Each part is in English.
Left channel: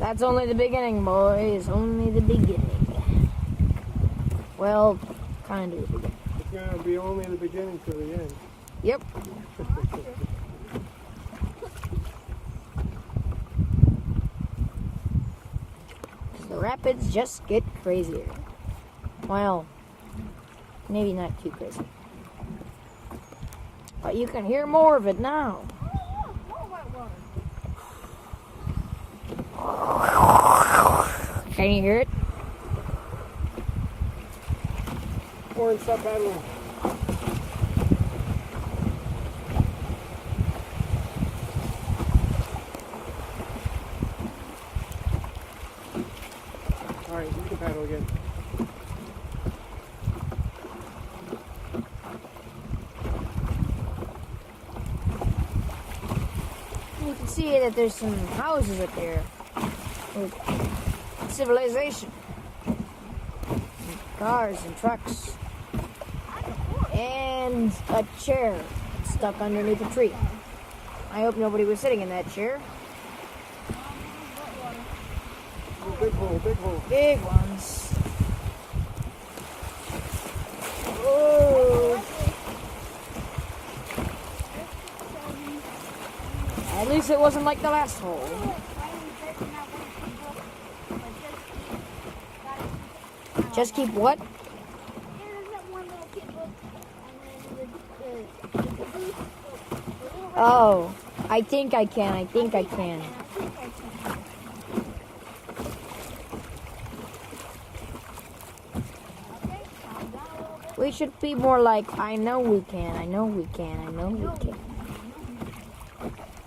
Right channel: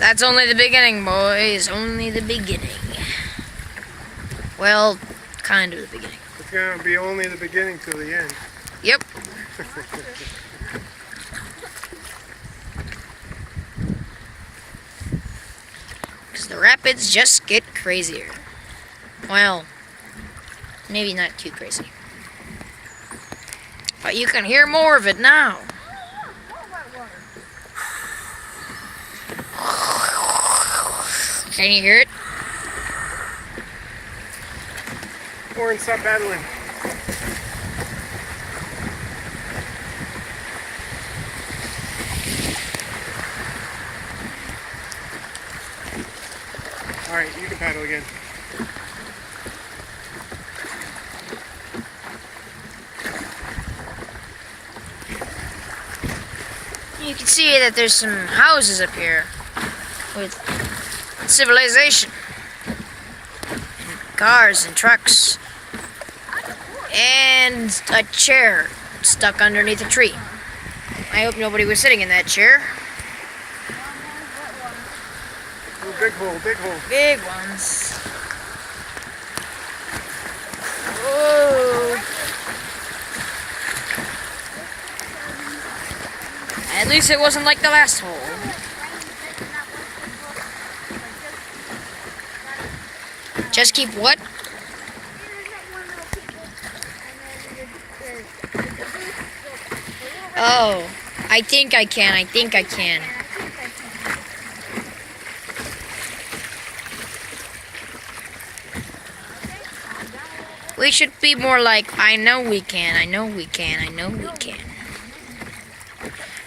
That's only the beginning, boys. Only the beginning. Well, kind of the beginning. It's going to be only the beginning till the end. Yep. Because the rapids just get crazier. Well, maybe not too crazy. But you can hear more of it now. Can you hear it? Omer and stop paddling. Alright, you can paddle again. You can see that there's some houses up here with civilization. Cars and trucks. And a chair stuck underneath a tree. I hope nobody was sitting in that chair. Oh, big hole, big hole. Big ones. Whoa. At least it wasn't like the last hole. Just keep what? Oh, I think I can. We should be more like, I know we can.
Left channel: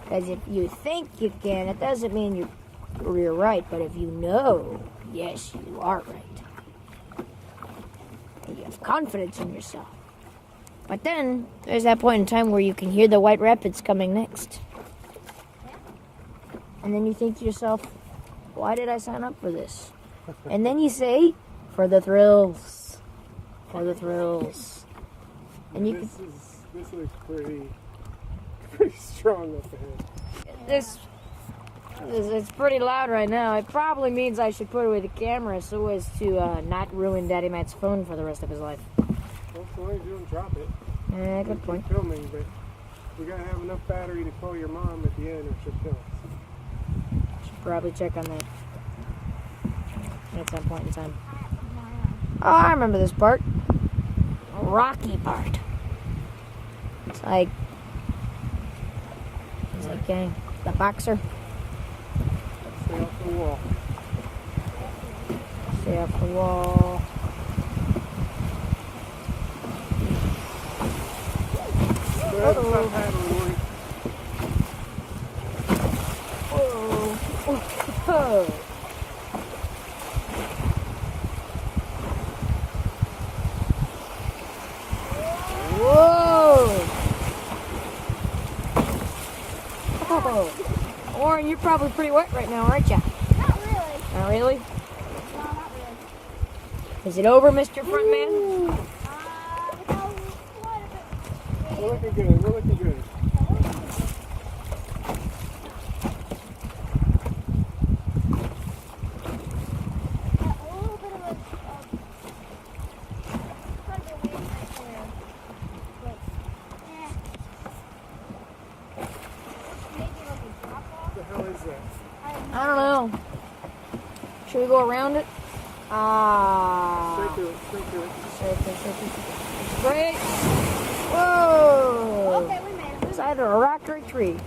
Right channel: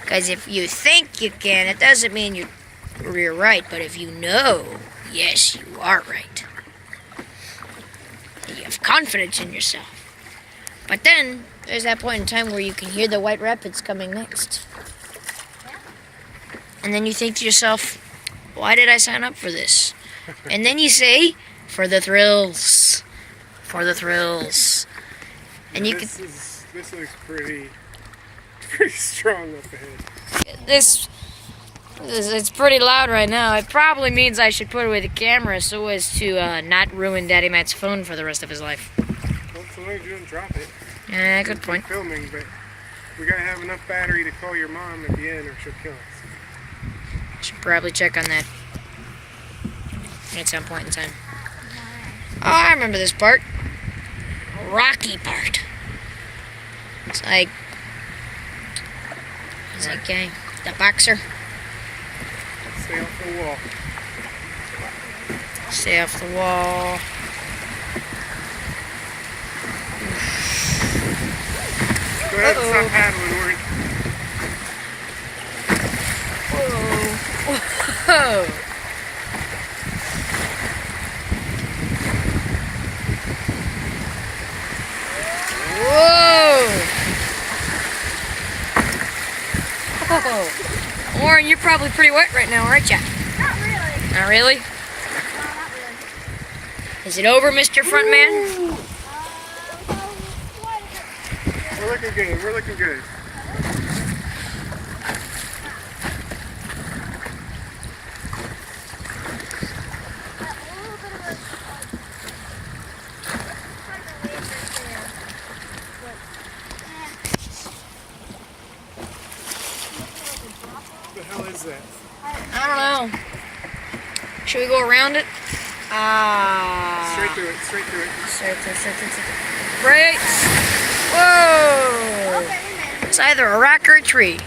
Because if you think you can, it doesn't mean you're right. But if you know, yes, you are right. And you have confidence in yourself. But then, there's that point in time where you can hear the White Rapids coming next. And then you think to yourself, why did I sign up for this? And then you say, for the thrills. For the thrills. And you this looks pretty strong up ahead. It's pretty loud right now. It probably means I should put away the camera so as to not ruin Daddy Matt's phone for the rest of his life. Well, so long as you don't drop it. Yeah, good point. Filming, but we gotta have enough battery to call your mom at the end, or she'll kill us. Should probably check on that at some point in time. Oh, I remember this part. Rocky part. It's like the boxer. Stay off the wall. Stay off the wall. Go ahead and stop paddling, Warren. Whoa. Whoa. Oren, you're probably pretty wet right now, aren't you? Not really. Not really? No, not really. Is it over, Mr. Frontman? We're looking good. We're looking good. What the hell is that? I don't know. Should we go around it? Straight through it. Straight through it. Straight. Brakes! Whoa! Okay, we made it. It's either a rock or a tree.